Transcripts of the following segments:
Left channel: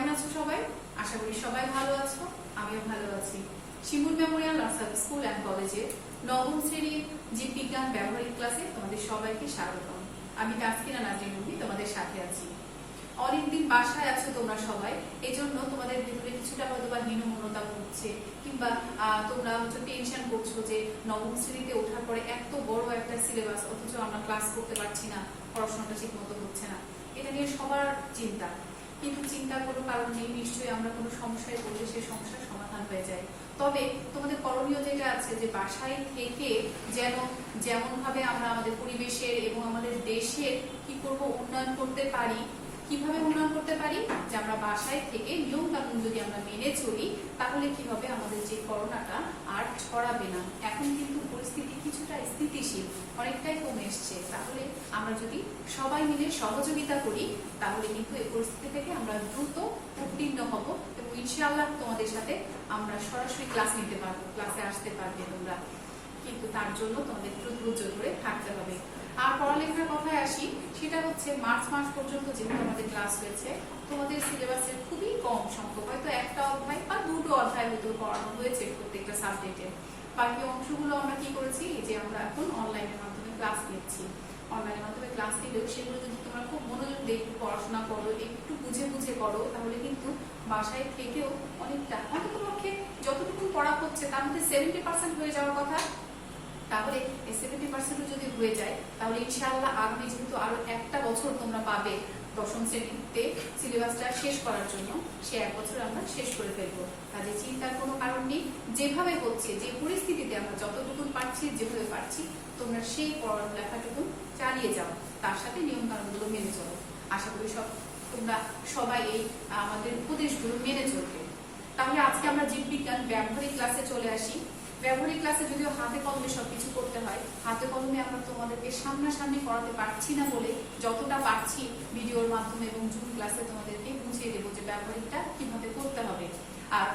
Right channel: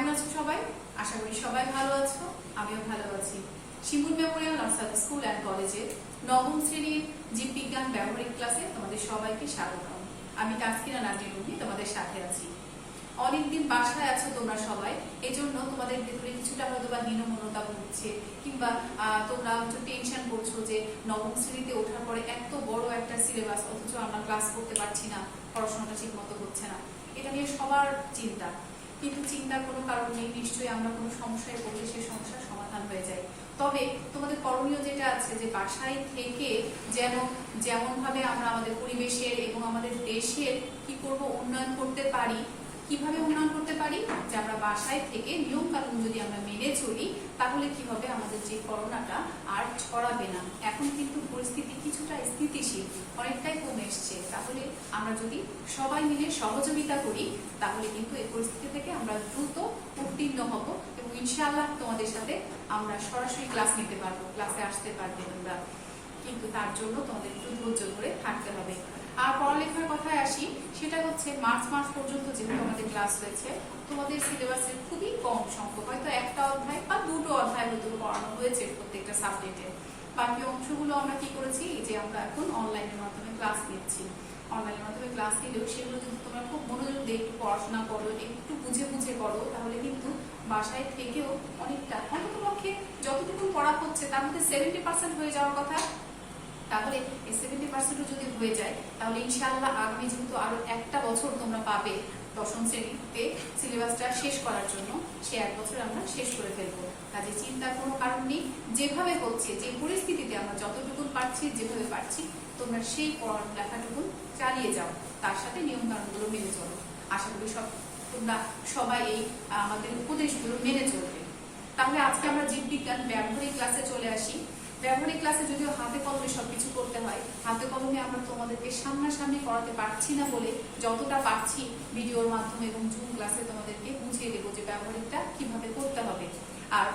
কেমন আছো সবাই? আশা করি সবাই ভালো আছো, আমিও ভালো আছি। শিমুল মেমোরিয়াল নার্সারি স্কুল অ্যান্ড কলেজে নবম শ্রেণীর জীববিজ্ঞান ব্যবহারিক ক্লাসে তোমাদের সবাইকে স্বাগতম। আমি তাসকিনা নাজরীন তোমাদের সাথে আছি। অনেকদিন বাসায় আছে তোমরা সবাই, এজন্য তোমাদের ভিতরে কিছুটা হয়তো বা হীনমন্যতা হচ্ছে, কিংবা তোমরা টেনশন করছো যে নবম শ্রেণীতে ওঠার পরে এত বড় একটা সিলেবাস, অথচ আমরা ক্লাস করতে পারছি না, পড়াশোনাটা ঠিক মতো হচ্ছে না। এটা নিয়ে সবার চিন্তা, কিন্তু চিন্তার কোনো কারণ নেই। নিশ্চয়ই আমরা কোনো সমস্যায় পড়লে সেই সমস্যার সমাধান হয়ে যায়। তবে তোমাদের করণীয় যেটা আছে যে বাসায় থেকে যেমন ভাবে আমরা আমাদের পরিবেশের এবং আমাদের দেশের কি করব উন্নয়ন করতে পারি, কিভাবে উন্নয়ন করতে পারি, যে আমরা বাসায় থেকে নিয়ম কানুন যদি আমরা মেনে চলি, তাহলে কি হবে, আমাদের যে করোনাটা আর ছড়াবে না। এখন কিন্তু পরিস্থিতি কিছুটা স্থিতিশীল, অনেকটাই কমে এসছে। তাহলে আমরা যদি সবাই মিলে সহযোগিতা করি, তাহলে কিন্তু এই পরিস্থিতি থেকে আমরা দ্রুত উত্তীর্ণ হব এবং ইনশাআল্লাহ তোমাদের সাথে আমরা সরাসরি ক্লাস নিতে পারবো, ক্লাসে আসতে পারবে তোমরা। কিন্তু তার জন্য তোমাদের একটু ধৈর্য ধরে থাকতে হবে। আর পড়ালেখার কথায় আসি, সেটা হচ্ছে মার্চ মাস পর্যন্ত যেহেতু আমাদের ক্লাস হয়েছে, তোমাদের সিলেবাসের খুবই কম সংখ্যক, হয়তো একটা অধ্যায় বা দুটো অধ্যায় হয়তো পড়ানো হয়েছে প্রত্যেকটা সাবজেক্টে। বাকি অংশগুলো আমরা কি করেছি, যে আমরা এখন অনলাইনের মাধ্যমে ক্লাস নিচ্ছি। অনলাইনের মাধ্যমে ক্লাস নিলেও সেগুলো যদি তোমরা খুব মনোযোগ দিয়ে একটু পড়াশোনা করো, একটু বুঝে বুঝে করো, তাহলে কিন্তু বাসায় থেকেও অনেকটা, অন্ততপক্ষে যতটুকু পড়া হচ্ছে তার মধ্যে 70% হয়ে যাওয়ার কথা। তাহলে এই 70% যদি হয়ে যায়, তাহলে ইনশাআল্লাহ আগামী যেহেতু আরো একটা বছর তোমরা পাবে দশম শ্রেণীতে সিলেবাসটা শেষ করার জন্য, সে এক বছর আমরা শেষ করে ফেলবো। কাজে চিন্তার কোনো কারণ নেই। যেভাবে হচ্ছে, যে পরিস্থিতিতে আমরা যতটুকু পারছি, যেভাবে পারছি, তোমরা সেই পড়ালেখাটুকু চালিয়ে যাও, তার সাথে নিয়ম কানুনগুলো মেনে চলো। আশা করি তোমরা সবাই এই আমাদের উপদেশগুলো মেনে চলবে। তাহলে আজকে আমরা জীববিজ্ঞান ব্যবহারিক ক্লাসে চলে আসি। ব্যবহারিক ক্লাসে যদিও হাতে কলমে সবকিছু করতে হয়, হাতে কলমে আমরা তোমাদেরকে সামনাসামনি করাতে পারছি না বলে যতটা পারছি ভিডিওর মাধ্যমে এবং জুম ক্লাসে তোমাদেরকে বুঝিয়ে দেবো যে ব্যবহারিকটা কিভাবে করতে হবে। আর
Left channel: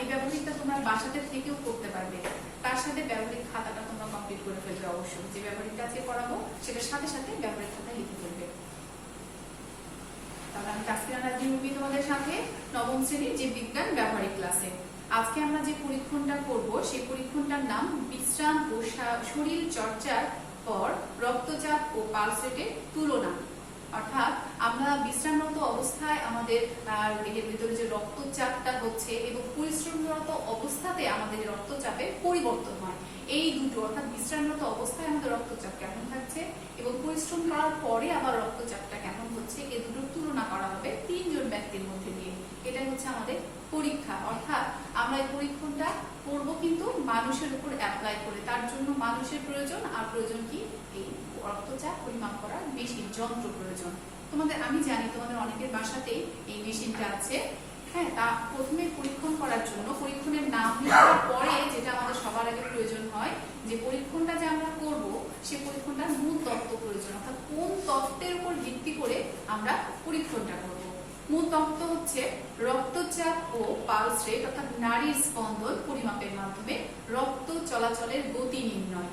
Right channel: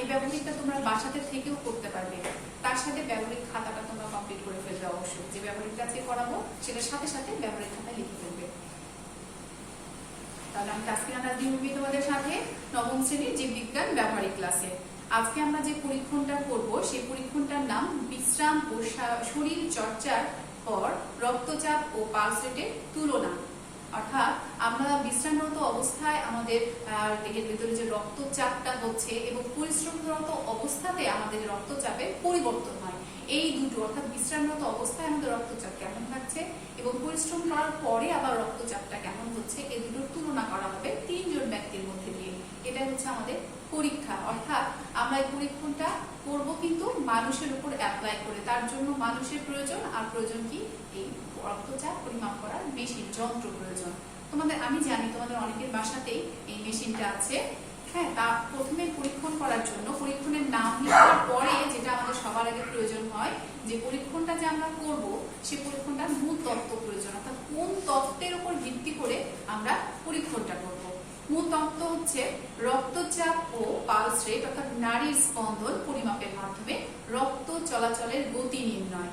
এই ব্যবহারিকটা তোমরা বাসাতে থেকেও করতে পারবে। তার সাথে ব্যবহারিক খাতাটা তোমরা কমপ্লিট করে ফেলবে অবশ্যই। যে ব্যবহারিকটা আজকে করাবো সেটার সাথে সাথে ব্যবহারিক খাতায় লিখে ফেলবে। তাহলে আমি তাসকিনা নাজরীন তোমাদের সাথে নবম শ্রেণীর জীববিজ্ঞান ব্যবহারিক ক্লাসে। আজকে আমরা যে পরীক্ষণটা করব, সেই পরীক্ষণটার নাম বিশ্রাম ও শরীর চর্চার পর রক্তচাপ ও পালস রেটের তুলনা। অর্থাৎ আমরা বিশ্রামরত অবস্থায় আমাদের দেহের ভিতরে যে রক্তচাপটা হচ্ছে এবং পরিশ্রমরত অবস্থাতে আমাদের রক্তচাপের পরিবর্তন হয়, এই দুটো, অর্থাৎ বিশ্রামরত অবস্থায় আমাদের রক্তচাপ কেমন থাকছে এবং পরিশ্রম করার পরে আবার রক্তচাপটা কেমন হচ্ছে, এই দুটোর তুলনা করা হবে 3 জন ব্যক্তির মধ্যে দিয়ে। এটাই হচ্ছে আমাদের পরীক্ষা। অর্থাৎ আমরা এই পরীক্ষণটা করবো কিন্তু মানুষের উপর অ্যাপ্লাই করে। তার জন্য মানুষের প্রয়োজন, আর প্রয়োজন কি, এই রক্তচাপ পরিমাপ করার মেশিন, যন্ত্র প্রয়োজন। আমি জানি তোমাদের অনেকের বাসাতেই এই মেশিনটা আছে। হ্যাঁ, তা প্রথমে পরীক্ষণ করার জন্য পরীক্ষণের নাম লেখার পরে যেটা আমাদের সবার আগে প্রয়োজন হয়, যে পরীক্ষণটা যে আমরা করব, সেই পরীক্ষণটার মূল তত্ত্ব প্রয়োজন। অর্থাৎ কোন তত্ত্বের উপর ভিত্তি করে আমরা পরীক্ষণটা করব। মূল তত্ত্ব হচ্ছে রক্তচাপ ও পালস রেট, অর্থাৎ নাড়ির স্পন্দন পরিমাপের মাধ্যমে রক্ত চলাচলের গতি নির্ণয়।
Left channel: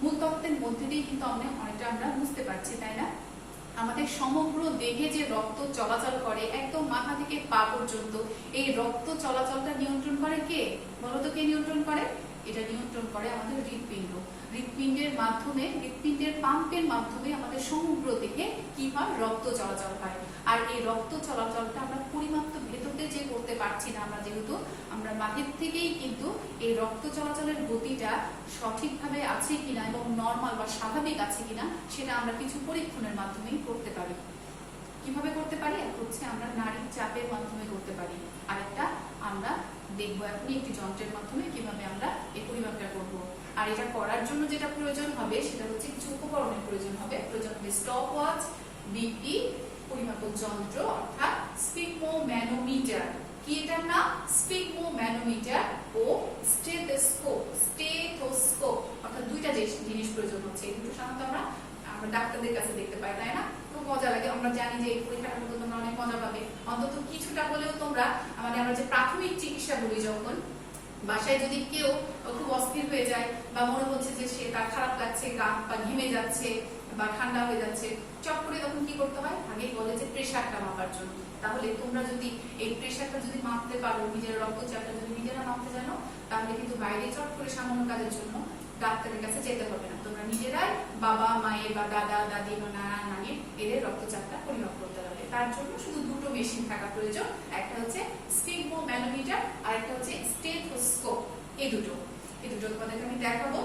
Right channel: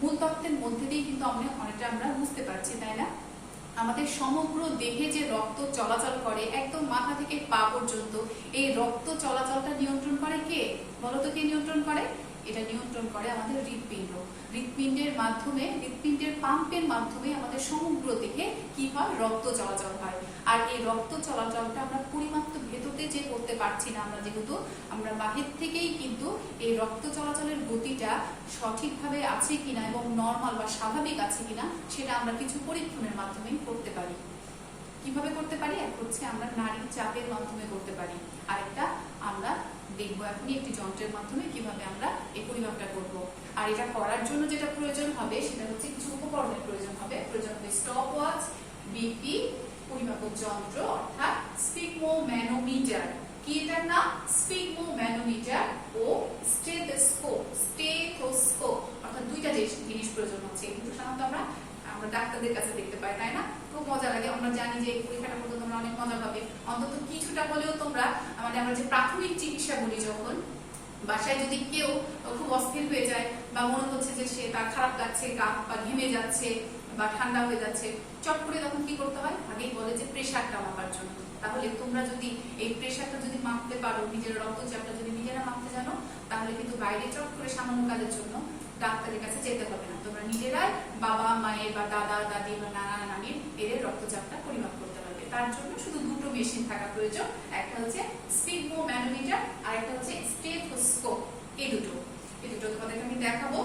মূল তত্ত্বের মধ্যে দিয়ে কিন্তু অনেকটা আমরা বুঝতে পারছি, তাই না? আমাদের সমগ্র দেহে যে রক্ত চলাচল করে একদম মাথা থেকে পা পর্যন্ত, এই রক্ত চলাচলটা নিয়ন্ত্রণ করে কে? বলতো কে নিয়ন্ত্রণ করে? এটা নিয়ন্ত্রণ করে আমাদের হৃৎপিণ্ড। হৃৎপিণ্ডের মাধ্যমে, হৃৎপিণ্ডের পাম্পের মাধ্যমে আমাদের সমগ্র দেহে কি হয়, রক্ত চলাচল হয়। আর এই রক্ত চলাচলটা আমরা পরিমাপ তো ভেতরতে যে করতে পারছি না, যেহেতু আমরা বাহির থেকেই কিন্তু এই রক্ত চলাচলের গতিটা সঠিকভাবে আছে কিনা এবং নর্মাল বা স্বাভাবিক আছে কিনা, সেটা আমরা কিছু পরীক্ষণের মাধ্যমে করতে পারি। কিভাবে করতে পারি? এক হচ্ছে আমরা নাড়ির চাপের মাধ্যমে করতে পারি, আরেকটা আমরা দেখবো এখনই একটি যন্ত্রের মাধ্যমে কিভাবে আমরা এই পরিমাপটা করব। আর এটা করার জন্য যেটা প্রয়োজন হবে, সেটা হচ্ছে কিছু উপকরণের প্রয়োজন হবে। প্রয়োজন হবে স্টপ ওয়াচ, বিপি, পরিমাপক যন্ত্র অর্থাৎ স্পিগমোম্যানোমিটার। কি এটার নাম? স্পিগমোম্যানোমিটার ও স্টেথোস্কোপ। স্টেথোস্কোপ অর্থাৎ দুইটা জিনিস প্রয়োজন হচ্ছে। এই দুটো সাধারণত আমরা ডাক্তারদের কাছে দেখতে পাই, তাই না? খুব মজা লাগে। আমরা জানি যে এই পরীক্ষাটার মধ্যে তোমরা অনেক মজা পাবে। অন্তত কিছুটা হলেও তোমরা আমরা যে প্রাথমিক চিকিৎসা বলি, যখন বাসায় যদি কেউ খুব অস্থির হয়ে যায় বা মনে হচ্ছে যে সে তার খারাপ লাগছে, গা পা ঘেমে যাচ্ছে, বা ঠান্ডা হয়ে যাচ্ছে, চট করে তখন কি করতে হয়, আগেই বলে যে প্রেশারটা মাপার জন্য। তাহলে তোমরা যদি এই প্রেশারটা যদি মাপতে পারো, নিজের রক্তচাপটা যদি নিজেরা মাপতে জানো, তাহলে কিন্তু বাইরে চট করে সামান্য কাজের জন্য ডাক্তারের কাছে যেতে হবে না। তোমরা নিজেরাই বাবা মায়ের বা দাদা দাদি বা নানা নানির এদের রক্তচাপটা পরিমাপ করতে পারবে। তার জন্য শুধু দুটো মেশিন থাকা প্রয়োজন, একটা হচ্ছে স্পিগমো ম্যানোমিটার আর একটা হচ্ছে স্টেথোস্কোপ। এই দুটো তোমাদেরকে আমি দেখাবো।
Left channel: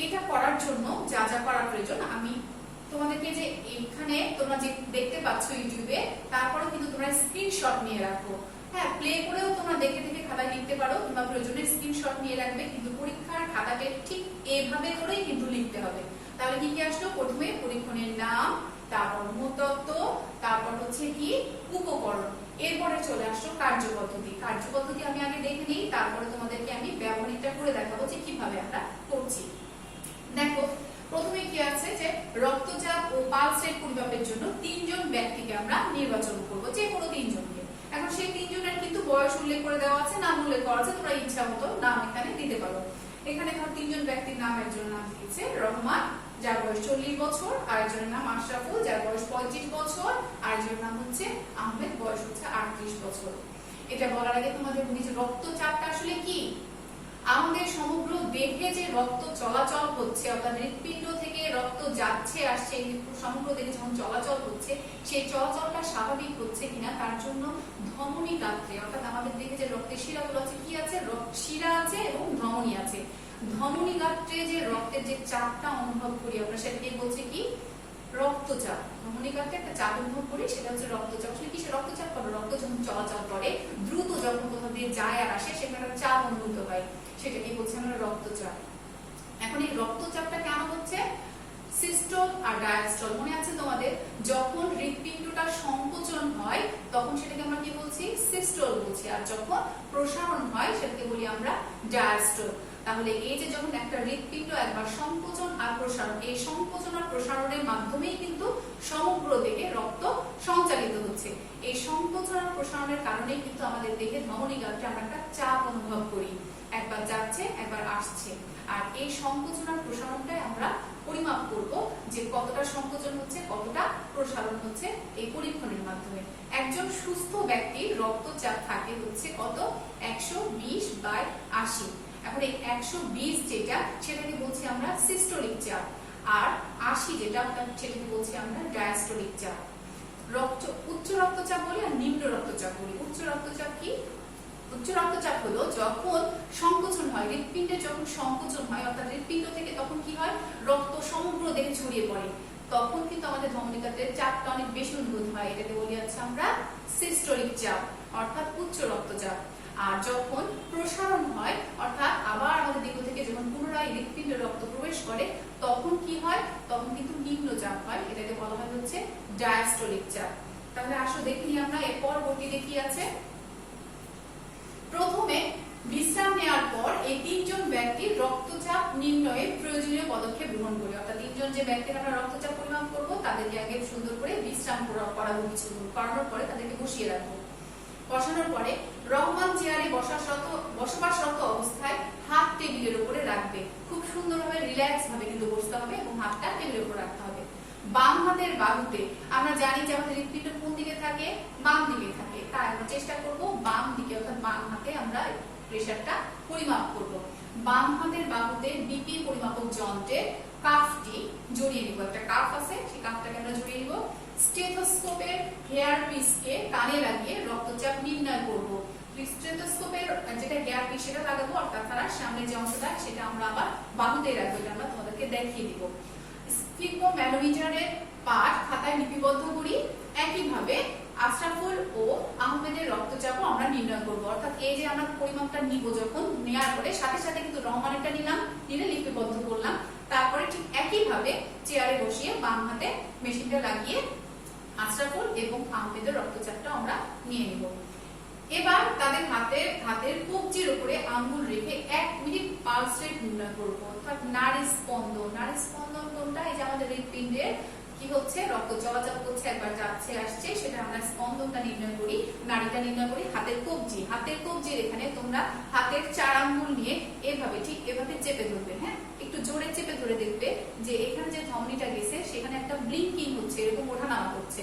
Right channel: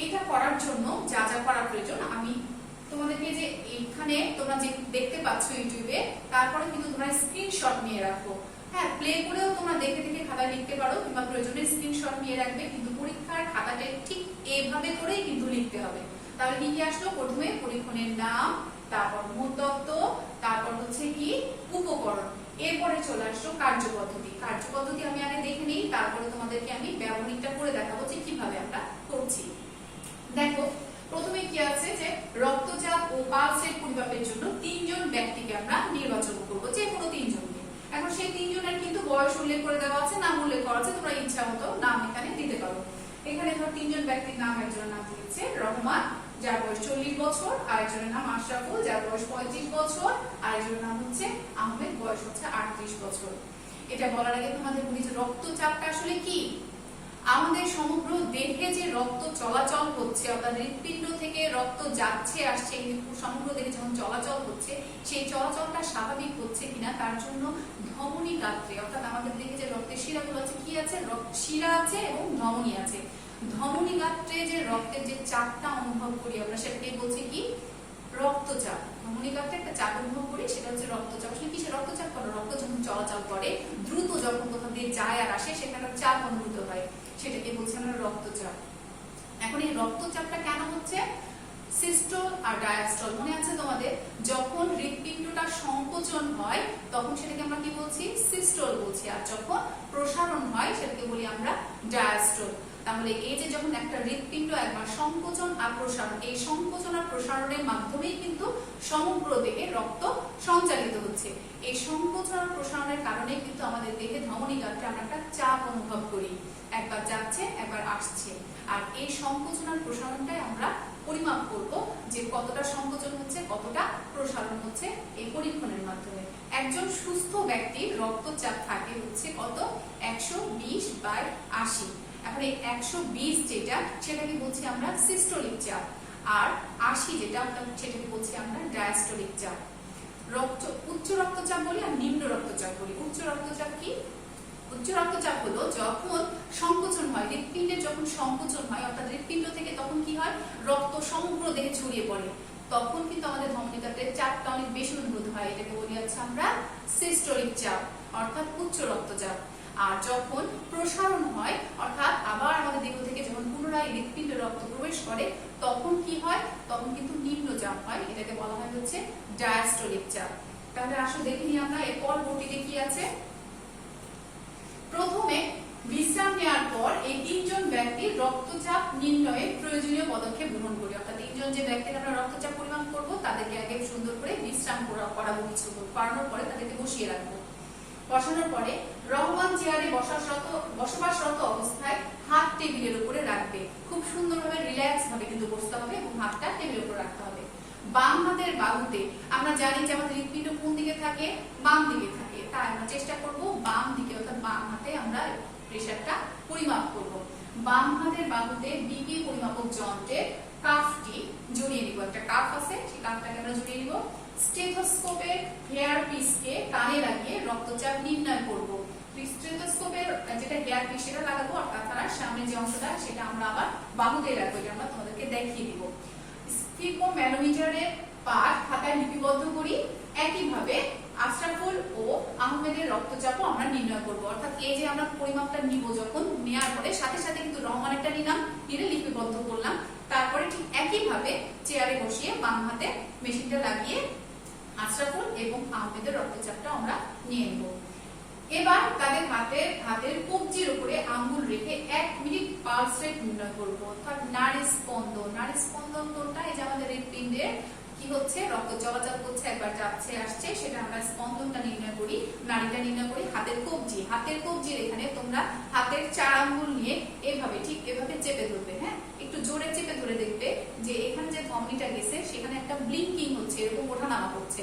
এইটা করার জন্য যা যা করা প্রয়োজন আমি তোমাদেরকে যে এখানে তোমরা যে দেখতে পাচ্ছ ইউটিউবে, তারপরে কিন্তু তোমরা স্ক্রিনশট নিয়ে রাখো। হ্যাঁ, প্লে করেও তোমরা দেখে দেখে খাতায় লিখতে পারো, কিংবা প্রয়োজনে স্ক্রিনশট নিয়ে রাখবে, কিন্তু পরীক্ষার খাতাটা ঠিক এইভাবে করেই কিন্তু লিখতে হবে। তাহলে কি কি আসলো, প্রথমে পরীক্ষণের নাম, তারপর মূলতত্ত্ব, তারপর হচ্ছে কি উপকরণ, এরপরে চলে আসলো কার্যপদ্ধতি। কার্যপদ্ধতি আমি আগে দেখে নিই, তারপরে তোমাদেরকে আমি ব্যবহারিকটা করে দেখাবো যে কিভাবে আমরা করছি। দেখো, প্রথমে কি আছে যে রক্তচাপ ও পালসের পরিমাপের জন্য 3 জন ব্যক্তিকে আমরা নির্বাচন করব, যে কোনো 3 জনকে। এখন সেই 3 জনের কিন্তু বয়স উল্লেখ করে দেওয়া আছে, নাম উল্লেখ করা আছে, তোমরা ইচ্ছা মতো নাম এখানে দিতে পারো। এখানে ধর 3 জন ব্যক্তির নাম, একজনের নাম দিয়েছে রহমান, যার বয়স 40 বছর, আরেকজনের নাম আশরাফুল, যার বয়স 35 বছর, আরেকজনের নাম হচ্ছে আহমেদ, বয়স হচ্ছে 38 বছর। এটা বলার আগে তোমাদের বলি যে রক্তচাপটা আসলে কি। আমাদের সমগ্র দেহে যে রক্ত চলাচল হচ্ছে, অর্থাৎ হৃৎপিণ্ড থেকে রক্ত যাচ্ছে আসছে, সমগ্র দেহে যখন চলাচল হচ্ছে, সেই চলাচলটা স্বাভাবিক হচ্ছে কিনা তার জন্য ধমনী গাত্রে, অর্থাৎ আমাদের দেহে যে রক্তের শিরাগুলো আছে, কি আছে, শিরা আছে এবং ধমনী আছে। ধমনী গাত্রে যে রক্তের যে চাপটা অনুভব করি আমরা, সেটাকে বলছি কি রক্তচাপ। ধমনী গাত্রে একটা চাপ অনুভব করি, সেটা হচ্ছে রক্তচাপ। আসলে কিসে রক্তচাপ করে, রক্ত যখন চলাচল করে দ্রুত, যখন কোথাও দিয়ে যায় আর আসে, সেখানে চাপ অনুভূত হয়, সেটাকে বলছি আমরা রক্তচাপ। এখন এই রক্তচাপটা কেন হচ্ছে, সিস্টোল আর ডায়াস্টল মনে আছে তোমাদের, যখন হৃৎপিণ্ডটা সংকোচন হয় তখন সেটাকে আমরা কি বলছি, সিস্টোল বলছি, আর যখন প্রসারণ হয় সেটাকে বলি আমরা ডায়াস্টল। তাহলে এই যে যখন একটা হৃৎপিণ্ড একবার সংকোচন আর প্রসারণ, এই সংকোচন আর প্রসারণের মাধ্যমেই কিন্তু সমগ্র দেহে রক্ত সঞ্চালিত হচ্ছে। এই সংকোচন আর প্রসারণের কারণে কিন্তু আমাদের দেহে ধমনী গাত্রে আমরা একটা চাপ অনুভব করি, একবার যাচ্ছে একবার আসছে। আর এই সংকোচন আর প্রসারণটাই আমরা পরিমাপ করব, যে কতটা সংকোচন হচ্ছে কতটা প্রসারণ হচ্ছে এই পরীক্ষণের মাধ্যমে। একজন সুস্থ ব্যক্তির রক্তচাপ থাকে হচ্ছে কত, 120/80। এখন এই 120 যেটা, সেটাকে বলছি আমরা সিস্টোলিক চাপ, আর 80 যেটা, সেটাকে বলছি আমরা ডায়াস্টোলিক চাপ। উচ্চ রক্তচাপ বলি আর নিম্ন রক্তচাপ বলি। উচ্চ রক্তচাপ কি, উচ্চ রক্তচাপ হলো যখন সংকোচন হয়, হৃৎপিণ্ডের যখন সংকোচন হয়, অর্থাৎ হৃৎপিণ্ড থেকে তখন কি হয়, রক্ত সমগ্র দেহে ছড়িয়ে পড়ে, তখন কিন্তু আমাদের ধমনী গাত্রের চাপটা অনেক বেশি অনুভূত হয়, এটাকে বলি আছে আমরা সিস্টোলিক চাপ, অর্থাৎ উচ্চ রক্তচাপ। আর যখন প্রসারণ হয়, অর্থাৎ আবার আমাদের দেহ থেকে যখন পুনরায় হৃৎপিণ্ডে রক্ত প্রবেশ করে, তখন কি হয়, তখন কিন্তু নিম্ন চাপ হয়, এটাকে বলা হয় হচ্ছে ডায়াস্টোলিক চাপ। তাহলে আসলে দেখিনি আমরা এর পরবর্তীতে কি আছে। প্রথমে বিশ্রাম নেওয়ার পর এই 3 জন ব্যক্তির রক্তচাপ নির্ণয়ে প্রয়োজনীয় পদক্ষেপ গ্রহণ করি, অর্থাৎ 3 জন যে ব্যক্তির আমরা রক্তচাপ পরিমাপ করব, তাদেরকে আগে সুন্দর করে বিশ্রাম করানোর পরে তাদেরকে বসিয়ে রাখবো। বসানোর পরে রহমান চেয়ারে বসবাসরত অবস্থায় হাত টেবিলের উপরে রাখবে, খুব সুন্দরভাবে রিল্যাক্স ভাবে কিন্তু বসতে হবে এবং হাতটা টেবিলের উপর রাখতে হবে। বাম হাতের বাহুতে, আমরা জানি যে আমাদের হৃৎপিণ্ড কোন দিকে থাকে, বাম দিকে থাকে, তাই আমরা চেষ্টা করব বাম দিকে, অর্থাৎ বাম হাতে আমরা প্রেসারটা পরিমাপ করব। বাম হাতের বাহুতে বিপি পরিমাপক যন্ত্রের কাফটি জড়িয়ে নিব, একটা কাফ আছে, সেই কাফটাকে আমরা জড়িয়ে নিব। স্টেথোস্কোপের হেয়ার পিসকে কানে লাগিয়ে রক্তচাপ নির্ণয় করব। স্টেথোস্কোপের যেটা হেয়ার পিস সেটা লাগাবো, আর তাছাড়া সামনে যে অংশটা সেটা আমরা আবার বাহুতে রাখবো, এটা আমরা তোমাদেরকে দেখিয়ে দিব। স্পিগমো ম্যানোমিটারের পাঠ খাতায় লিপিবদ্ধ করি। একইভাবে আশরাফুল ও আহমেদের রক্তচাপও আমরা নির্ণয় করব, অর্থাৎ এই যে আমরা পরিমাপটা নিব, যখন নেওয়ার পরে সাথে সাথে কিন্তু রহমানেরটা নিলাম, নিলে লিপিবদ্ধ করলাম, তারপরে ঠিক একইভাবে চেয়ারে বসিয়ে বাম হাতে মেশিনটা লাগিয়ে আশরাফুল এবং আহমেদের রক্তচাপটা আমরা নিয়ে নেব। এবার তাদের হাতের কবজির উপরে আঙ্গুল রেখে 1 মিনিট পালস রেট নির্ণয় করব, অর্থাৎ নাড়ি স্পন্দন। নাড়ি স্পন্দন কোনটা, এই যে আমাদের হৃৎপিণ্ডের কি কি হচ্ছে, রক্ত চলাচল করছে, একবার যাচ্ছে আসছে, সেটা আমরা স্পন্দনটা নির্ণয় করি, নাড়িটা নির্ণয় করি হাতের কবজির এখানে তোমরা হাতের 4 আঙ্গুল নিয়ে এভাবে ঠিক এভাবে চেপে ধরবে। হ্যাঁ, একটু জোরে চেপে ধরে দেখবে যে এখানে যে ধমনীটা গেছে সেখানে একটা ব্লিঙ্কিং হচ্ছে, এরকম ওঠানামা করছে।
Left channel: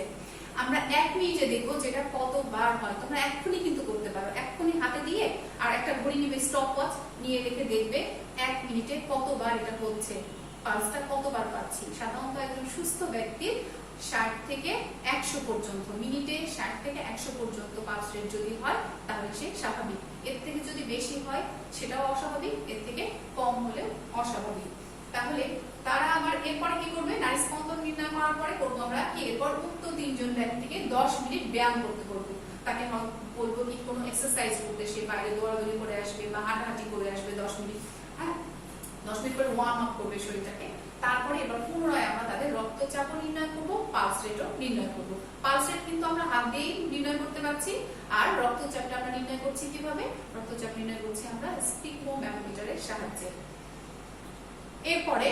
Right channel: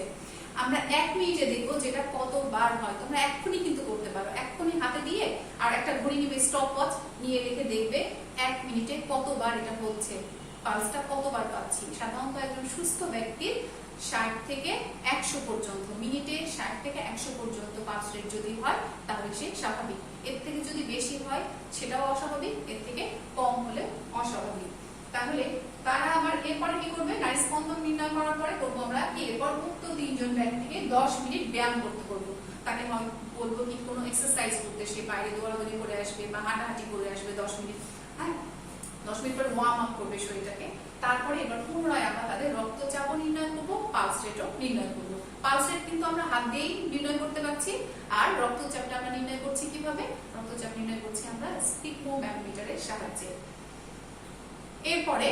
আমরা 1 মিনিটে দেখবো যেটা কতবার হয়। তোমরা এক্ষুনি কিন্তু করতে পারো, এক্ষুনি হাতে দিয়ে আর একটা ঘড়ি নিবে, স্টপ ওয়াচ নিয়ে রেখে দেখবে 1 মিনিটে কতবার এটা হচ্ছে, পালসটা কতবার পাচ্ছি। সাধারণত একজন সুস্থ ব্যক্তির 60 থেকে 100 পর্যন্ত, মিনিটে 60 থেকে 100 পর্যন্ত পালস রেট যদি হয় তাহলে সে স্বাভাবিক। এর থেকে যদি বেশি হয় সেটাও অস্বাভাবিক, এর থেকে কম হলেও অস্বাভাবিক। তাহলে তারা আমার এরপরে কি করবে, নারী স্পন্দন নির্ণয় করার পরে করবো আমরা এরপর উক্ত 3 জন ব্যক্তিকে 10 মিনিট ব্যায়াম করতে বলবো। তাকে বলবো কি কোনো এক্সারসাইজ করতে, সে বাইরে দৌড়াদৌড়ি করে আসবে বা হাঁটাহাঁটি করে আসবে 10 মিনিট। হ্যাঁ, 10 মিনিট পরে ওয়ার্ম আপ করবে শরীরটাকে। তারপরে এবার পুনরায় আমরা তাদের রক্তচাপ নির্ণয় করবো, পালস রেটও নির্ণয় করবো। পালস রেট কিন্তু আমরা হাত দিয়েই নির্ণয় করতে পারছি, আর রক্তচাপটা আমরা নির্ণয় করছি কিভাবে, রক্তচাপ নির্ণয় করছি আমরা স্পিগমোম্যানোমিটারের সাহায্যে। এরপরে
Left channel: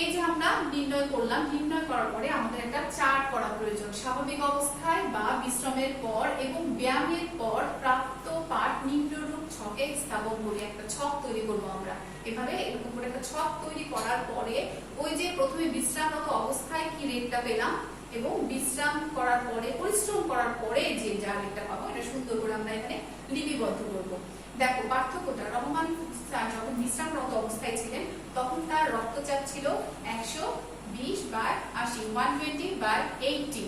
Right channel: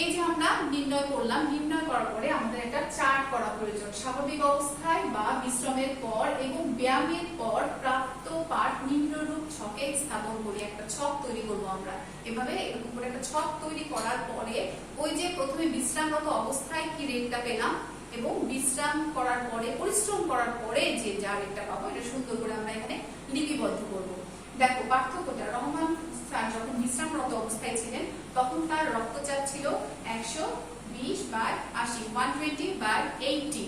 এই যে আমরা নির্ণয় করলাম, নির্ণয় করার পরে আমাদের একটা চার্ট করা প্রয়োজন। স্বাভাবিক অবস্থায় বা বিশ্রামের পর এবং ব্যায়ামের পর প্রাপ্ত পাঠ নিম্নরূপ ছকে স্থাপন করি, একটা ছক তৈরি করবো আমরা। এভাবে এরকম করে একটা ছক তৈরি করার পরে ওই যে প্রথমে বিশ্রামরত অবস্থায় কি রেটটা পেলাম এবং বিশ্রাম করার পরে পরিশ্রম করার পরে যে যা রেটটা পাবো এটা সুন্দর করে আমরা এখানে লিপিবদ্ধ করবো। দেখো পার্থক্যটা, রহমান যখন বিশ্রামরত অবস্থায় ছিলেন তখন তার রক্তচাপ ছিল 120/80, 120/80,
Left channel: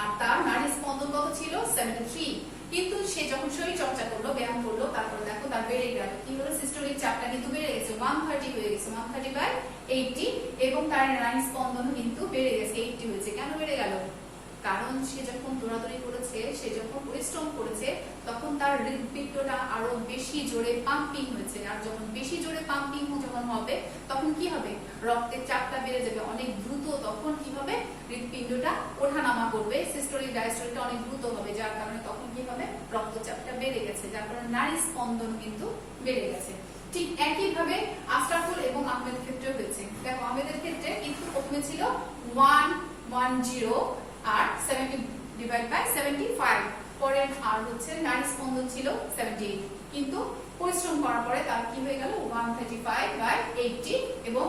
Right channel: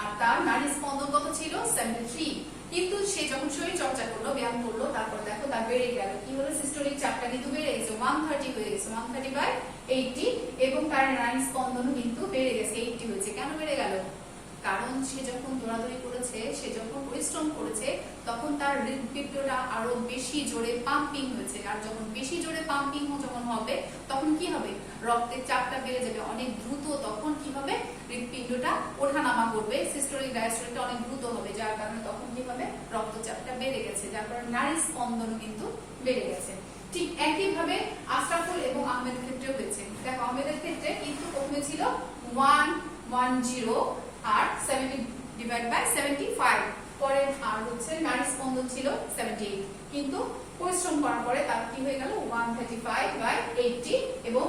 আর তার নাড়ি স্পন্দন কত ছিল 73। কিন্তু সে যখন শরীর চর্চা করলো, ব্যায়াম করলো, তারপর দেখো তার বেড়ে গেল, কি হলো, সিস্টোলিক চাপটা কিন্তু বেড়ে গেছে, 130 হয়ে গেছে, 130/80, এবং তার নাড়ি স্পন্দন কিন্তু বেড়ে গেছে, 80 হয়েছে। কেন বেড়ে গেল? কারণ সে যখন দৌড়াদৌড়ি করেছে, সে যখন পরিশ্রম করেছে, তখন তার হৃদপিণ্ডটা আরো বেশি জোরে পাম্পিং হয়েছে। আর যখন বেশি জোরে পাম্পিং যখন হবে তখন কি হবে, রক্তের চাপটা বেড়ে যাবে অনেক দ্রুত। তখন কি হবে, হৃদপিণ্ডটা ওঠানামা করবে, সিস্টোলিক ডায়াস্টোলিকটা অনেক দ্রুত হবে, যার কারণে তখন কি হবে, রক্তচাপটা বেড়ে গেছে, যার কারণে নাড়ি স্পন্দন কিন্তু বেড়ে গেছে। ঠিক একইভাবে আশরাফুল এবং আহমেদের ক্ষেত্রেও হয়েছে। দেখো আহমেদের ক্ষেত্রে কিন্তু প্রথমে ছিল 110 আর 70/75, পরে আর হচ্ছে নারী স্পন্দন ছিল 78, কিন্তু পরিশ্রম করার পরে তার কি হয়ে গেল 135/80, এবং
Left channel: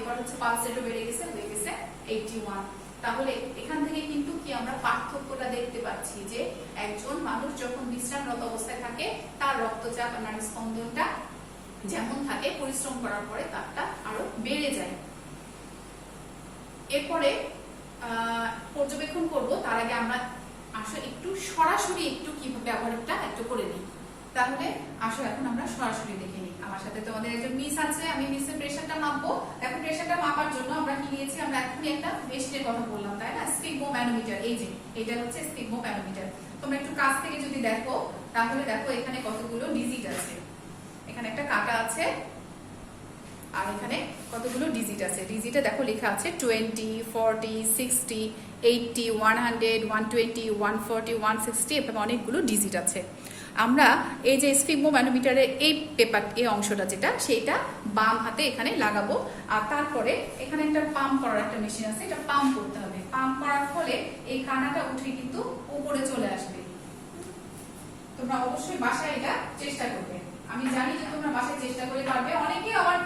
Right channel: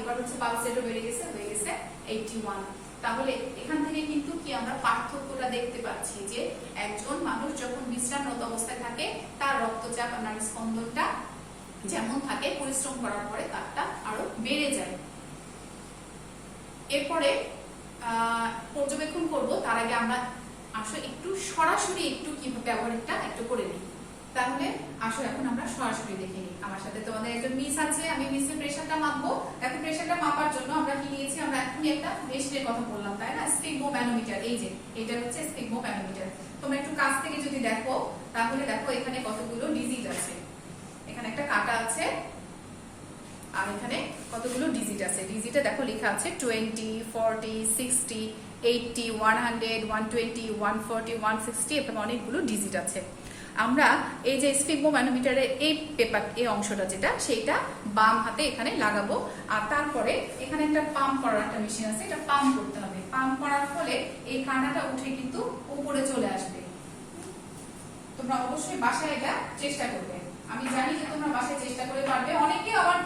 এবার হচ্ছে পালস রেটও বেড়ে গেছে, হয়ে গেছে 81। তাহলে এখান থেকে কিন্তু কি আমরা পার্থক্যটা দেখতে পাচ্ছি যে একজন মানুষ যখন বিশ্রামরত অবস্থায় থাকে তার রক্তচাপ আর নারী স্পন্দনটা যেমন থাকে, পরিশ্রম করার পরে তারটা আরো বেড়ে যায়। এরপরে পর্যবেক্ষণ করব, তার আগে আমরা আসো একটু সরাসরি একটু কি ব্যবহারটা একটু করে নিই। তাহলে আসো এখন আমরা সরাসরি দেখে নিই। আমার সাথে তোমাদের একজন মিস আছে, আমি মিসের প্রেসারটা মাপবো। এখন প্রেসারটা মাপার জন্য আমরা কি নিয়েছি, আমরা এখনই একটা মেশিনের কথা বললাম, তাই না, স্পিগমোম্যানোমিটার। এই যে এটা হচ্ছে স্পিগমোম্যানোমিটার। তোমরা একটু কাছ থেকে যদি দেখো তাহলে দেখো এখানে কতগুলো ডিজিট আছে, এখানে একটা কাটা আছে আর এখানে কতগুলো ডিজিট আছে। ডিজিটে দেখো লেখা আছে 20, 40, 60, 80, 100, 120, 140, 160, এরকম অনেকগুলো ডিজিট আছে। আমরা এই যে স্পিগমোম্যানোমিটারের এই পেপার, এই অংশটা যেটা, সেটা বাম হাতে এখানে লাগাবো, আর তারপরে এখানে একটা পাম্প করার একটা মেশিন আছে, এটা পাম্প করতে হবে। পাম্প করার ফলে এই কানাটা উঠে কিন্তু উপরে চলে আসবে। তোমরা অবশ্যই বাসায় এটা চেষ্টা করবে, আমি জানি যে তোমরা বাসায় চেষ্টা করে পারবে, অনেকে আবার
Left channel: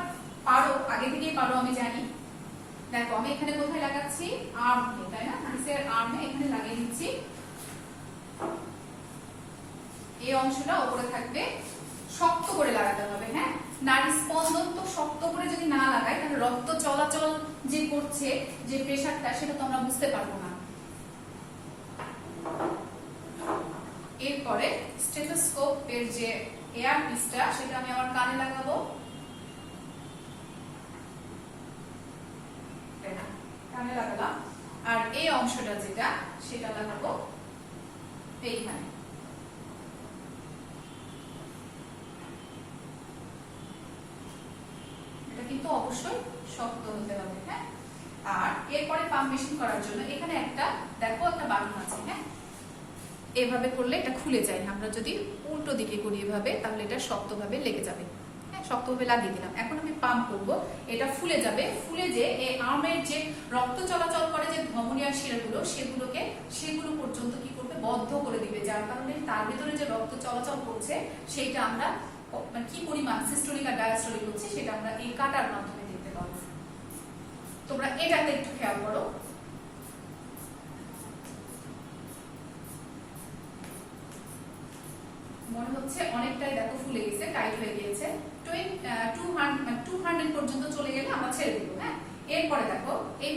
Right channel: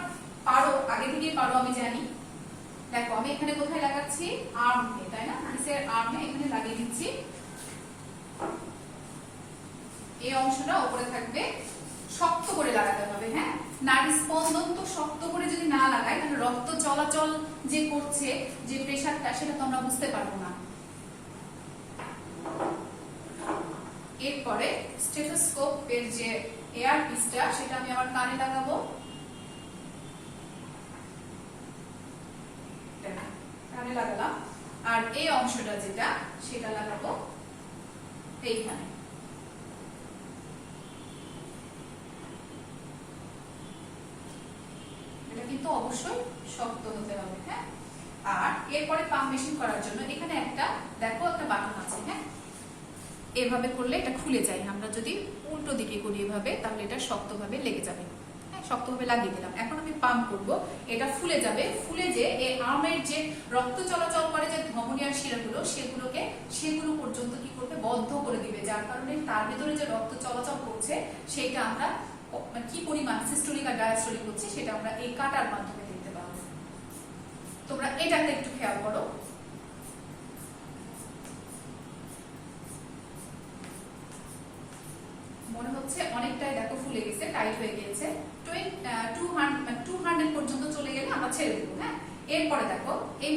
পারো, আগে থেকেই পারো আমি জানি। দেখো আমি এখানে কোথায় লাগাচ্ছি, আর্মে, তাই না, নিচের আর্মে এখানে লাগিয়ে দিচ্ছি। এই অংশটা উপরে থাকবে, শক্ত করে লাগাতে হবে। হ্যাঁ, নাড়ি স্পন্দন তো শক্ত করে যদি না লাগাই তাহলে রক্ত চলাচল যে করছে, যে প্রেসারটা, সেটা তো আমরা বুঝতে পারবো না। এরপরে স্টেথোস্কোপ এর যে এয়ার পিসটা, সেটা আমি আমার কানে লাগাবো, কানে লাগালাম, আর এই অংশটা যেটা, সেটা লাগাবো এইখানে। এটা কিন্তু অবশ্যই শক্ত হতে হবে। হ্যাঁ, আর এরপরে পাম্প মেশিন করার জন্য এখানে একটা দেখো একটা বাটন আছে। হ্যাঁ, এভাবে করলে এটা খুলে যায়, আমরা যদি উল্টো দিকে করি এভাবে তাহলে এটা শক্তভাবে লেগে যাবে। হ্যাঁ, শক্তভাবে লাগিয়ে দিলাম। এখন আমি পাম্প করব, এটা ফুলে যাবে। ফুলে যে এই আর্মের যে রক্ত চলাচল করে যে ধমনী আর শিরাগুলো, সেগুলো পর্যন্ত কি করবে, বদ্ধ করে দিবে, যার কারণে তার ভেতরে যে রক্ত চলাচল করছে সেইটা আমরা কি পরিমাণ সিস্টোলিক আর ডায়াস্টোলিক হচ্ছে সেটা আমরা এই কাটার মাধ্যমে দেখতে পাবো। তোমরা এটাকে একটু খেয়াল করো। মনে হচ্ছে অনেকটাই দেখো ফুলে গেছে, টাইট হয়ে গিয়েছে। 200 পর্যন্ত চলে গেলে আমরা ছেড়ে দেবো। হ্যাঁ, এরপরে দেখো এই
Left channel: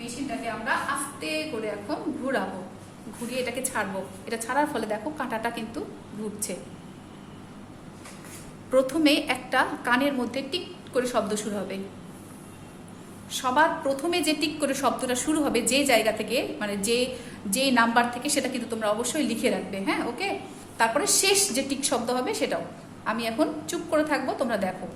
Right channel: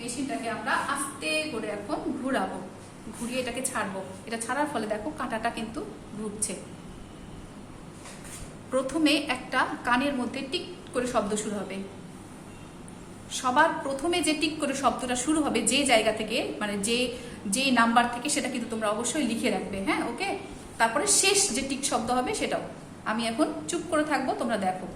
মেশিনটাকে আমরা আস্তে করে এখন ঘুরাবো, ঘুরিয়ে এটাকে ছাড়বো। এটা ছাড়ার ফলে দেখো কাঁটাটা কিন্তু ঘুরছে। প্রথমে একটা কানের মধ্যে টিক করে শব্দ শুরু হবে। সবার প্রথমে যে টিক করে শব্দটা শুরু হবে যে জায়গা থেকে, মানে যে নাম্বার থেকে, সেটা কিন্তু তোমরা অবশ্যই লিখে রাখবে। হ্যাঁ, ওকে। তারপরে শেষ যে টিক শব্দ হবে সেটাও। আমি এখন চুপ করে থাকবো, তোমরা দেখো।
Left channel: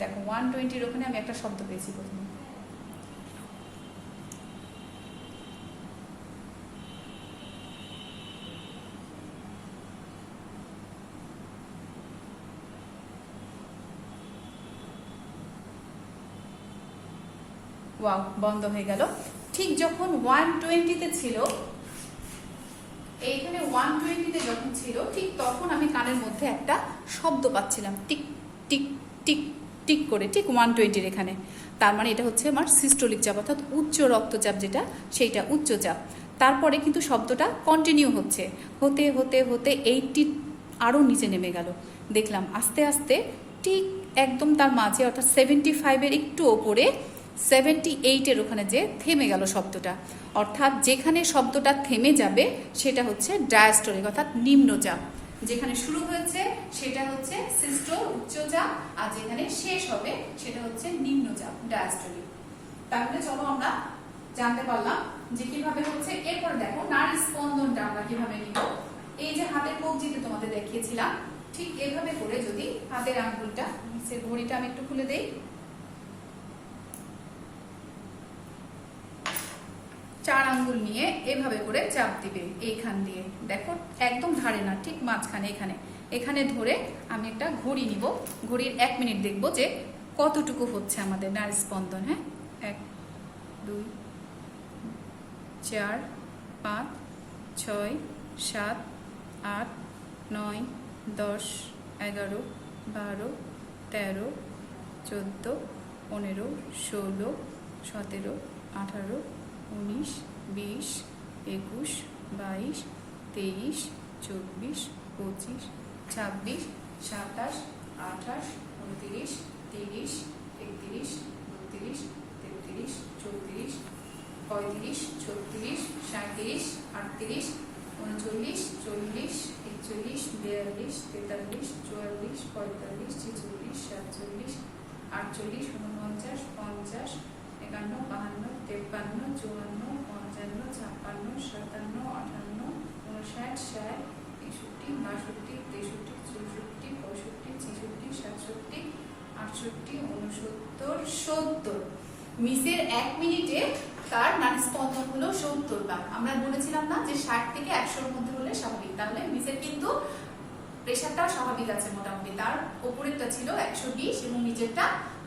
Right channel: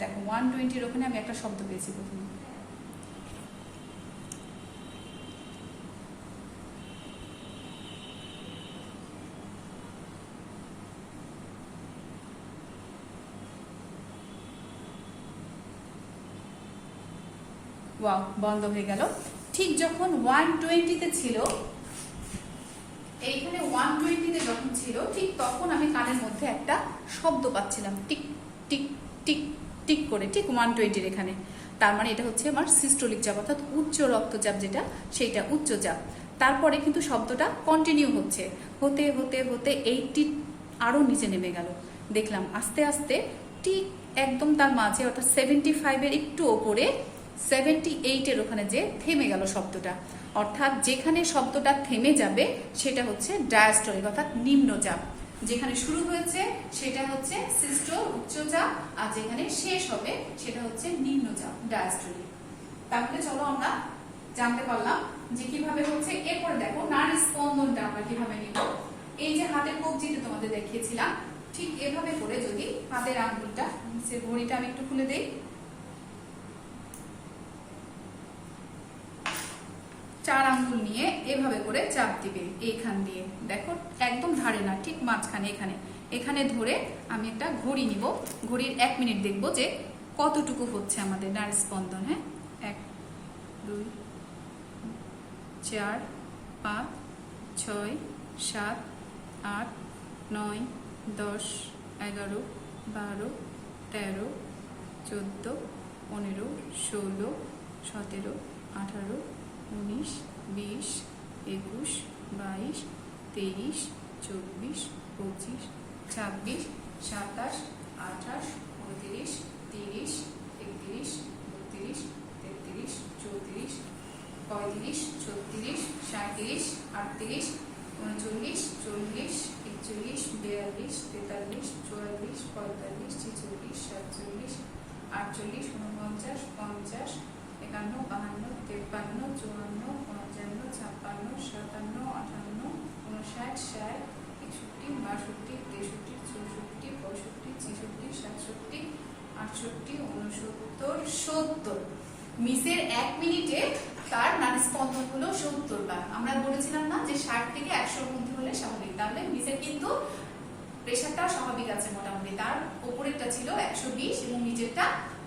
দেখো 120 ওখানে আমি একটা শব্দ পেয়েছি প্রথমে। ওয়াও, বন্ধ হয়ে গেল। ঠিক যখন 120-তে ছিল, এইখানে 120-তে যখন ছিল, ঠিক তখন আমি কানের মধ্যে একটা শব্দ পাচ্ছিলাম, টিক টিক টিক টিক করে, ঠিক 120-র এখানে। তার মানে এটা হচ্ছে আমার সিস্টোলিক চাপ, অর্থাৎ উচ্চ রক্তচাপ, যেটা সেইটা উচ্চ চাপ। তারপরে কিন্তু শব্দটা কন্টিনিউ হচ্ছে, হতে হতে হতে 80 আরো নিচে নেমে গেল। দেখলাম আস্তে আস্তে ঠিক একদম তার মাঝে, অর্থাৎ 75-এর একটু ওপরে 78-এর ওখানে যে থেমে গেল শব্দটা। অর্থাৎ যেখানে শব্দটা থেমে যাবে সেটা হচ্ছে ডায়াস্টোলিক, অর্থাৎ নিম্নচাপ। যেখানে শুরু হয়েছে সেটা হচ্ছে সিস্টোল উচ্চচাপ, আর যেখানে শেষ হবে সেটা হচ্ছে নিম্নচাপ ডায়াস্টোলিক। তাহলে চলো আমরা জানতে পারলাম যে কিভাবে হচ্ছে। এরপর দেখো নাড়ি স্পন্দনটা আমরা কিভাবে নিব। এই যে হাতের কবজিতে তোমাদের দেখিয়েছিলাম, ঠিক এভাবে করে যদি হাতের আঙ্গুলটা, সে ঘড়িটা আমি একটু খুলে দেই, 4 আঙ্গুল নিয়ে এভাবে করে চাপ দিবে এইখান দিয়ে। দেখো একদম ধারে না, ঠিক মাঝখানে, এখানে ধরে আমি একটা ঘড়ি নিব। ঘড়ির 1 মিনিট দেখবো যে কতটুকু হচ্ছে আমাদের নাড়ি স্পন্দন। হ্যাঁ, 1 2 4 5 6 7 8 9 10 11 12 13 14 15 16 17 18 19 20 21 22 23 24 25 26 27 28 29 30 31 32 33 34 35 36 37 38 39 40 41 42 43 44 45 46 47 48 49 50 51 52 53 54 55 56 57 58 59 60 61 62 63 64 65 66 67 68 69 70। মিসের 1 মিনিটে তার নাড়ি স্পন্দন হলো 70 বার। আমরা বলেছিলাম না যে 60 থেকে 100-র মধ্যে হলে স্বাভাবিক। তাহলে মিসের কিন্তু প্রেশারটাও স্বাভাবিক আছে মোটামুটি। তার উপরেরটা ছিল 120 এবং নিচেরটা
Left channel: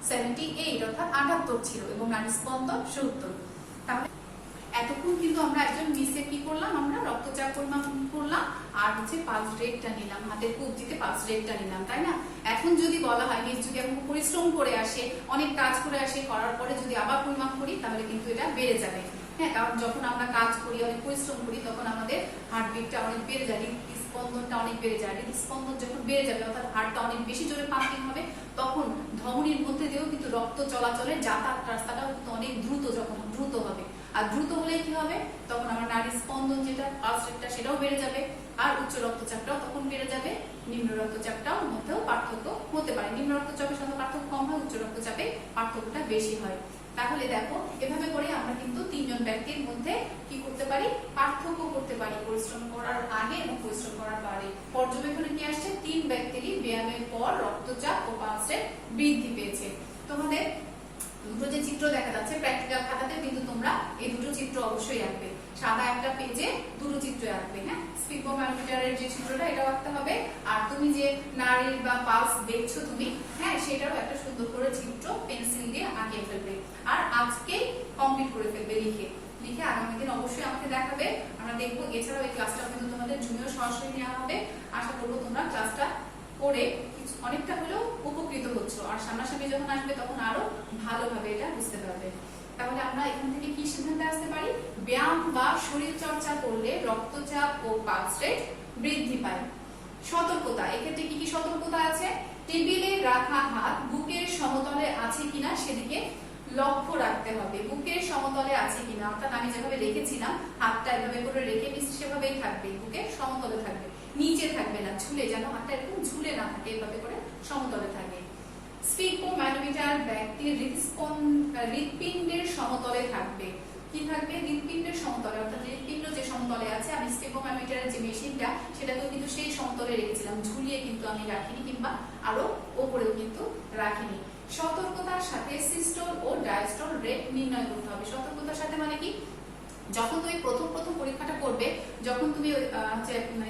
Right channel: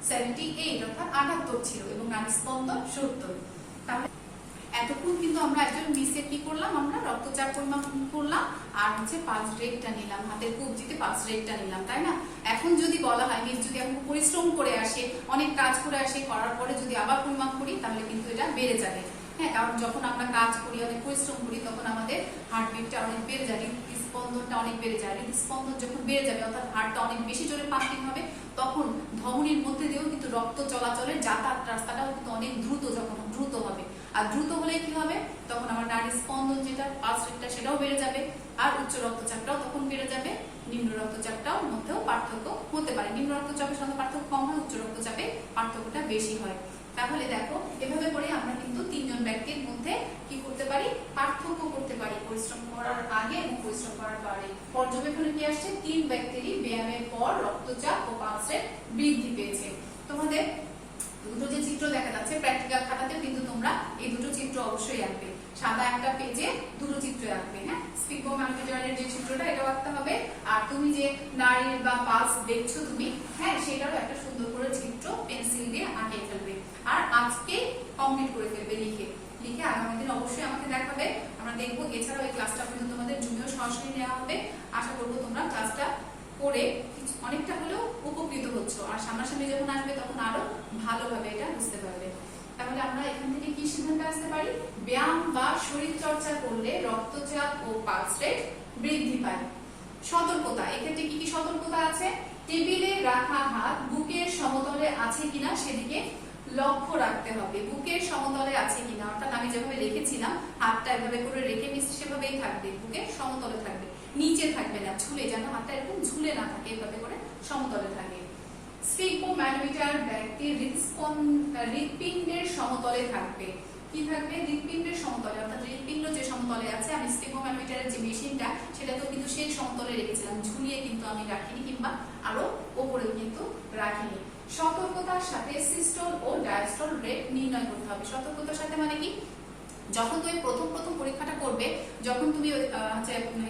78, অর্থাৎ 78 ছিল, এবং নাড়ি স্পন্দন 70। তাহলে এতক্ষণ কিন্তু আমরা একজন মিসের কি করলাম, আমরা রক্তচাপ পরিমাপ করলাম, আর হচ্ছে পালস রেটটা নিলাম, হাতের কবজিতে পালস রেটটা নিলাম, তাই না? এখন যদি বলা হয় মিস যদি এখন পরিশ্রম করে আসে, অনেক কাজ করে আসে, করার পরে যদি আবার পরিমাপ করি তাহলে কিন্তু এটা বেড়ে যাবে। হ্যাঁ, কারণ যখন আমরা কাজ করি, অনেক পরিশ্রম করি, তখন আমাদের হার্টবিটটা অনেক বেড়ে যায়, স্পন্দনটা অনেক বেড়ে যায়। স্পন্দন যখন বেড়ে যাবে, অর্থাৎ হার্টটা অনেক বেশি জোরে পাম্পিং হবে, তখন ধমনীর মধ্যে দিয়েও কিন্তু রক্ত চলাচলের যাতায়াত রাস্তাটাও কিন্তু অনেক দ্রুত হবে। আর দ্রুত হলে কি হবে, তখন আমার নাড়ির স্পন্দন যেটা পালস রেটটা সেটাও বেড়ে যাবে, আর উচ্চ রক্তচাপটাও তখন বেড়ে যাবে। নিম্ন রক্তচাপটাও মধ্যেও পার্থক্য হতে পারে। নিম্ন রক্তচাপের সাথে পার্থক্য কম হয়, উচ্চ রক্তচাপে পার্থক্যটা বেশি হয়। তাহলে দেখো এভাবে করে আমরা কিন্তু তিনজন ব্যক্তির মধ্যে কি করতে পারি, পার্থক্য করতে পারি পরিশ্রম করার আগে এবং পরিশ্রম করার পরে। পর্যবেক্ষণে কি আসছে, 3 ব্যক্তিরই ব্যায়ামের পর রক্তচাপ ও পালস রেট বৃদ্ধি পেয়েছে। তোমাদের দুটো যে চিত্র দেখা যাচ্ছে প্র্যাকটিক্যাল খাতাতে কিন্তু তোমরা এই দুটো চিত্র অবশ্যই আঁকবে, সাদা একটা পেজে দুটো চিত্র আঁকবে। হ্যাঁ, স্পিগমোমিটারের যে চিত্রটা এটাও আঁকতে হবে, আর তুমি যে নাড়ির বা পালস দেখছো তুমি, হ্যাঁ সেটারও একটা সুন্দর করে চিত্র পেন্সিল দিয়ে আঁকিয়ে ফেলবে, আর আজকে কমপ্লিট করে ফেলবে লিখে লিখে আগামী দিন অবশ্যই আমাকে দেখাবে, আমরা দেখবো। এছাড়াও এই ক্লাসটা কিন্তু তোমাদের জুনিয়র সরাসরি নেওয়া হবে। আশা করবো তোমরা ক্লাসটা করে অনেকটা হলেও উপকৃত হচ্ছ, আর সামনাসামনি যখন আসবে তখন আরো ভালোভাবে এটা বুঝতে পারবে। তাহলে আমরা এখান থেকে কি সিদ্ধান্তে আসতে পারি, ব্যায়াম বা শরীর চর্চা করলে রক্তচাপ ও পালস রেট বৃদ্ধি পায়। সতর্কতা, এক্ষেত্রে কি কি সতর্কতা আছে, টেবিলে রাখা হাত বুকের সমতলে আছে কিনা সেদিকে লক্ষ্য রাখতে হবে। বুকের সমতলে আছে কিনা, অর্থাৎ আমি যেভাবে রেখেছিলাম হাতটা এভাবে করে রেখে দিচ্ছি সেভাবেই থাকবে, বুকের সমতলে থাকবে, নিচে থাকবে না, ঝুলে, যেন হাতটা এরকম ঝুলে না থাকে, এভাবে করে সমতলে থাকে। স্পিগমোমিটার ব্যক্তির হৃৎপিণ্ডের সমতলে থাকবে। কি থাকবে, হৃৎপিণ্ডের সমতলে, অর্থাৎ হৃৎপিণ্ড যে সমতলে আছে, আমি স্পিগমোমিটারের যে মেশিনটা সেটাতেও কিন্তু সেই সমতলে রেখেছিলাম, ঝুলিয়ে কিন্তু আমি রাখিনি কিংবা আরো উপরেও কিন্তু রাখিনি। সতর্কতার সাথে সিস্টোল ও ডায়াস্টোল রেট নির্ণয় করতে হবে। সতর্কতার সাথে মানে কি, যখন তুমি প্রথম পরীক্ষাটা করবে, যখন তুমি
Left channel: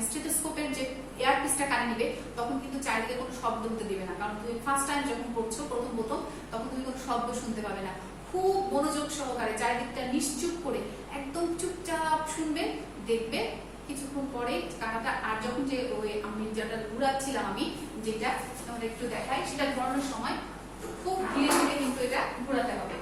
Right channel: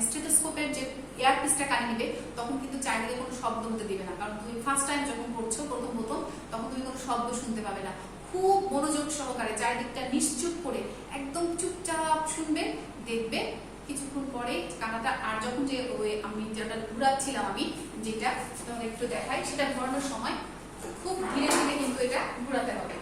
স্টেথোস্কোপের যে এয়ারপিসটা কানে নিবে, তখন কিন্তু চারিদিকে কোনো শব্দ হতে দিবে না, কারণ তুমি ফার্স্ট টাইম যখন করছো প্রথম তখন তুমি কোনো শব্দ শুনতে পাবে না। খুব মনোযোগ সহকারে চারিদিকটা নিশ্চুপ করে একদম চুপচাপ শুনবে, দেখবে কিছুক্ষণ পরে কানাটা, আর যখন যে আমি যেটা ঘুরাচ্ছিলাম, আমি যেটা একটু দেখাই, সেটা ঘোরানোর সময় খুব ধীরে ধীরে কিন্তু এটা ঘোরাতে হবে।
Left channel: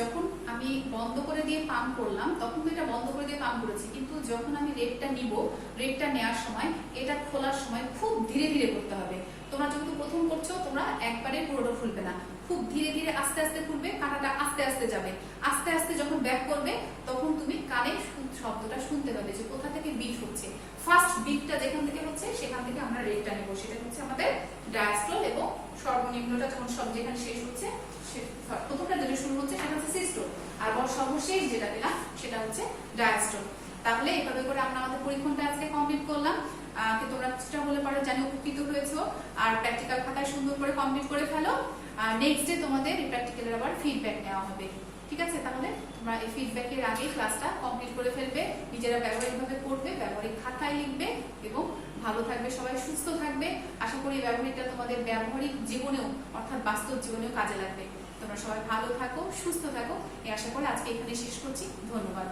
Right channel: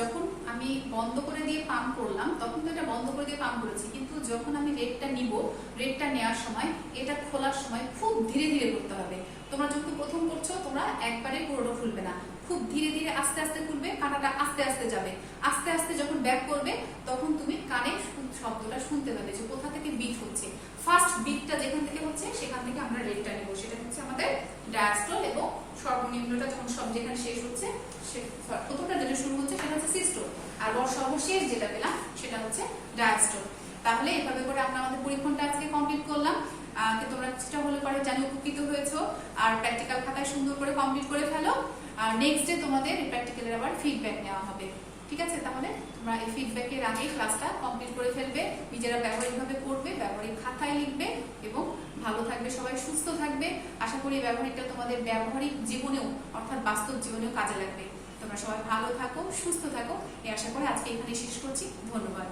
যখন আমি বন্ধ করে দিয়ে পাম্প করলাম, তখন তো এটা বন্ধ করে দিয়ে পাম্প করেছি, কিন্তু যখন আমি রেটটা নিব, রেটটা নেওয়ার সময় এটা খোলার সময় খুব ধীরে ধীরে করতে হবে। তোমরা যখন প্রথম করছো তোমরা একবারে পুরোটা খুলবে না, খুব ধীরে ধীরে আস্তে আস্তে খুলবে, কাঁটাটা আস্তে আস্তে যাবে, আস্তে আস্তে যখন ব্যাক করবে তখন তুমি কানে শব্দটা শুনতে পাবে যে কোথা থেকে বিট হচ্ছে। ফার্স্ট বিটটা যেখান থেকে হচ্ছে সেখান থেকে আমরা রেটটা নেব, সেটা হচ্ছে আমাদের ডায়াস্টোল, এবং সর্বনিম্নটা যখন সব যেখানে শেষ হচ্ছে, প্রথমটা যেটা শুরু হচ্ছে সেটা হচ্ছে সিস্টোল, আর সর্বশেষ যেটা পেলাম সেটা হচ্ছে ডায়াস্টোল। তাহলে এভাবে করে আমরা আমাদের পরীক্ষণটা আজকে কমপ্লিট করলাম। তোমরা চেষ্টা হলে পরে জানি উপকৃত হয়েছো, আর প্র্যাকটিক্যাল খাতায় সুন্দর করে কমপ্লিট করে ফেলো, আর নেক্সট ডে তোমাদের এই প্র্যাকটিক্যালের আবার ফিডব্যাক নেওয়া হবে। ঠিক আছে, তাহলে তোমরা এই ফিডব্যাকের আগে ক্লাসটা কমপ্লিট করে ফেলবে, নিজেরা ব্যবহারিকভাবে পড়বে, ব্যবহারিক খাতায় লিখবে, এবং ভালো থাকবে, সবাই সুস্থ থাকবে। আশা করি ব্যবহারিকটা তোমাদের ব্যবহারিক জীবনেও, অর্থাৎ বাস্তব জীবনেও কাজে লাগবে। তোমরা সবাই ভালো থাকো, সুস্থ থাকো, এই আশা করে আজকে এখানে শেষ করছি। ধন্যবাদ।